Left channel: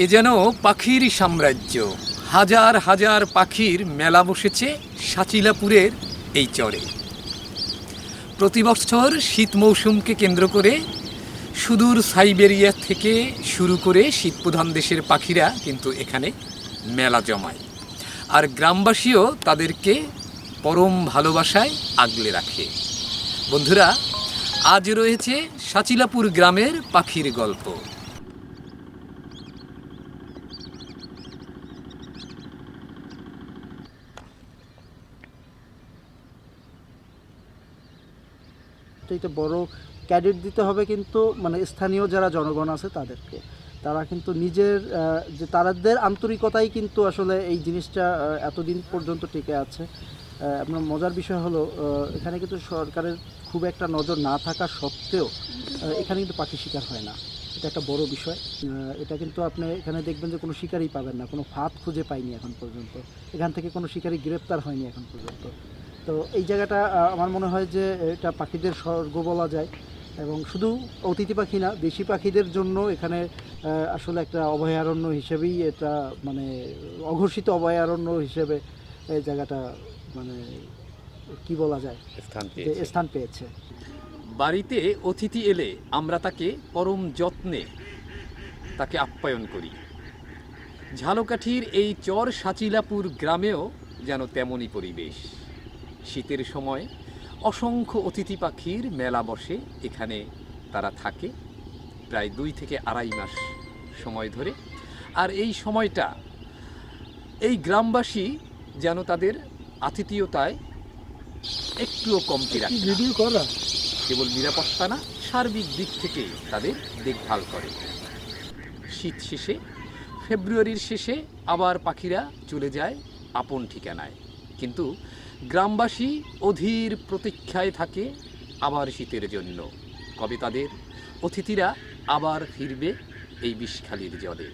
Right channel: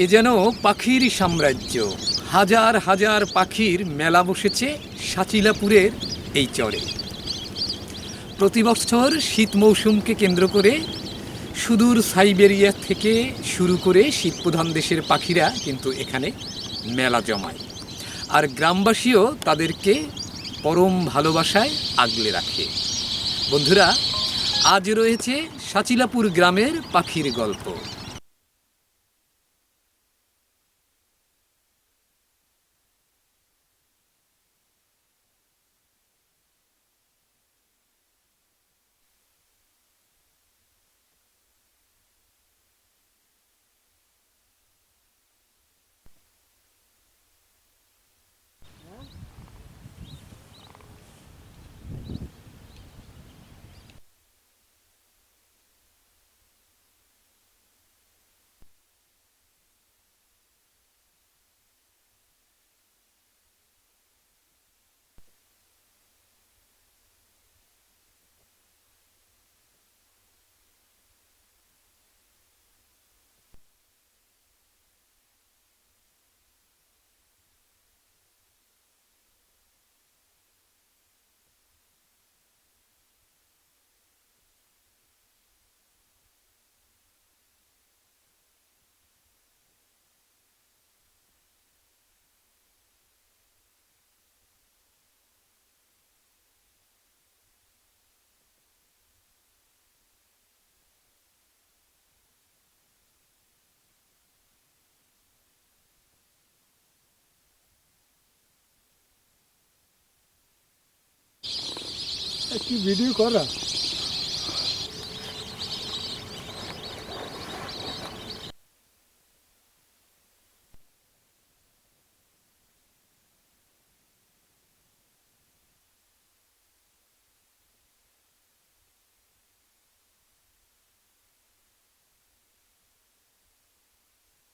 এ যেন পাখির সাম্রাজ্য। হাজার হাজার পাখির মেলা বসেছে সাচিলাপুরের এই চরে। প্রতি বছর শীত মৌসুমকে কেন্দ্র করে সুদূর সাইবেরিয়া থেকে শুরু করে শীতপ্রধান দেশের পাখিরা কিন্তু এখানে মেলা জমায়, আর গ্রামবাসীও তাদেরকে পরম ভালোবাসায় আগলে রাখে। বন্ধুরা, আজ রয়েছে সাচিলাপুর গ্রামের পাখির গল্প। এটা বড় ক্যাডেট দিতে হবে, কিন্তু মানে স্থানীয় যারা জনগণ আছে তাদেরকে। তারা কিন্তু নিজের যে তাদের আন্তরিকতাই কিন্তু আসলে এই জিনিসটা এতদিন পর্যন্ত টিকে আছে। আপনার মজার বিষয় হলো এখানে কিন্তু সরকারের খুব একটা নজর না থাকা সত্ত্বেও এখানে কিন্তু পাখি শিকার হয় না। এটা একটা বড় বিষয়। এটা কিন্তু আপনি এখানে দেখবেন যে কোনো শিকারই পাবেন না, কোনো ফাঁদ খুঁজে পাইনি এখন পর্যন্ত। এখান থেকে কোনো শিকারী গ্রেপ্তার হয়নি এখন পর্যন্ত। তো এই জায়গাটা আমার মনে হয় যে এটা পাখিদের স্বর্গ বলা যায়। এবং শুধু অতিথি পাখি না, দেশি পাখিদের জন্য এখানে আসলে একটা অভয়ারণ্য হিসেবেই এটা, মানে অঘোষিত অভয়ারণ্য হিসেবে এই জায়গাটা মানে কি বলা যায়, যে স্থান পেয়েছে। বাড়িতে অতিথি এলে আমরা তাকে পরম যত্নে তাকে আপ্যায়ন করি। ঝালকাঠির এই চর সাচিলাপুর গ্রামেও যেন তেমনই পরিবেশ। শীতের সময় অসংখ্য অতিথি পাখির মেলা বসে এখানে। তারা থাকে প্রায় 2 থেকে আড়াই মাস সময় ধরে। আর এই সময়টা এই গ্রামবাসী যেন তাদের আতিথেয়তায় একটুও কমতি রাখে না। ভিডিও করা কেবল নিরাপত্তা না, সার্বিক দিক থেকে তাদের দেখভাল করে। শীত শেষে, ফেব্রুয়ারির শেষে আবার পাখিরা চলে যায় আপন ঠিকানায়, কিন্তু গ্রামবাসী অধীর প্রতীক্ষায় থাকে আবার শীতের জন্য। কবে তাদের অতিথিরা আবার ফিরবে এই বিষখালির জলে।